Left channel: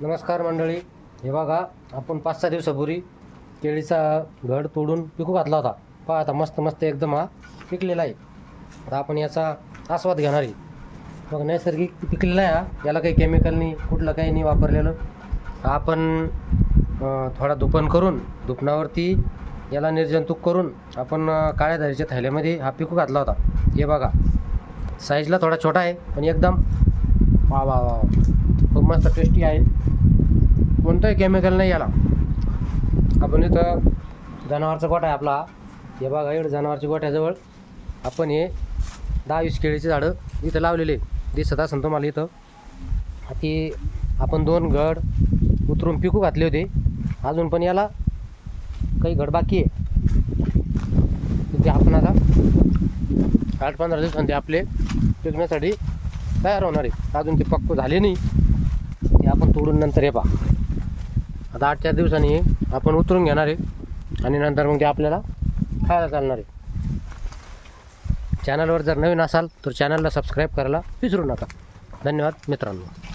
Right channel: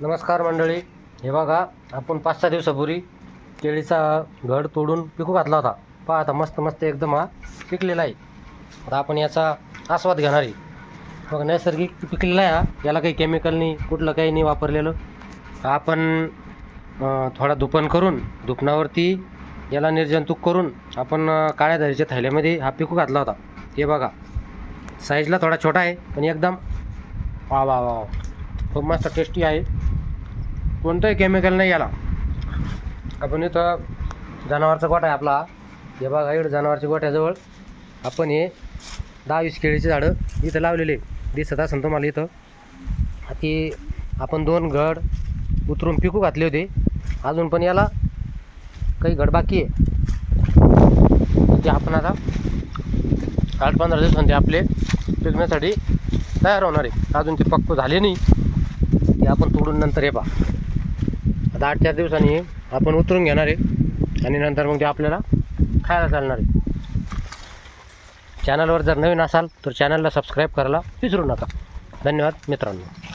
नमस्कार मंडळी. हे बघा आपण पाच सहा दिवसापूर्वी केळीचा घड तोडून पिकू घातला होता. पहा आता मस्त मस्त एकदम हा पिकलेला आहे. आता आपण याचा आस्वाद घेणार आहे. बघा नैसर्गिक पिकलेला आहे हा. याला काही केमिकल नाही कुठलं काही नाही वापरलेलं. आपण थोडा धुपण करून दुपणावरती याला निर्जंतुक करून आपण काळ्या धारीच्या थैल्यामध्ये हा पिकू घातला होता. हे बघा साईजला थोडा छोटा आहे पण एकदम वा वा वा. खूप मस्त टेस्टी आहे. कोणतंही केमिकल नाही याला. आपण इथं जनावरचा गोठा आहे आपला. हे बघा इकडं जनावरच्या गोठ्याजवळ आपण हे दहा वीस केळीचे झाडं इथं लावलेले दिसत असेल तुम्हाला इथं. ती आपण दोन घड उतरून पिकू घातले होते. अजून पण याला काही घड बाकी आहे. ते आपण आता आठ पंधरा दिवसांचे आपले पिकण्यासाठी तयार होणार आहे. अजून ते पक्क झाले नाही. ते आपण तोडून नंतर हे पहा. आता आठ चार दिवसांनी आपण उतरून घेणार आहे आणि नंतर मग ते आपल्याला खायला चालणार आहे. चॅनलवर जर नवीन असाल तर चॅनलला सबस्क्राईब करायला विसरू नका. धन्यवाद मित्रांनो.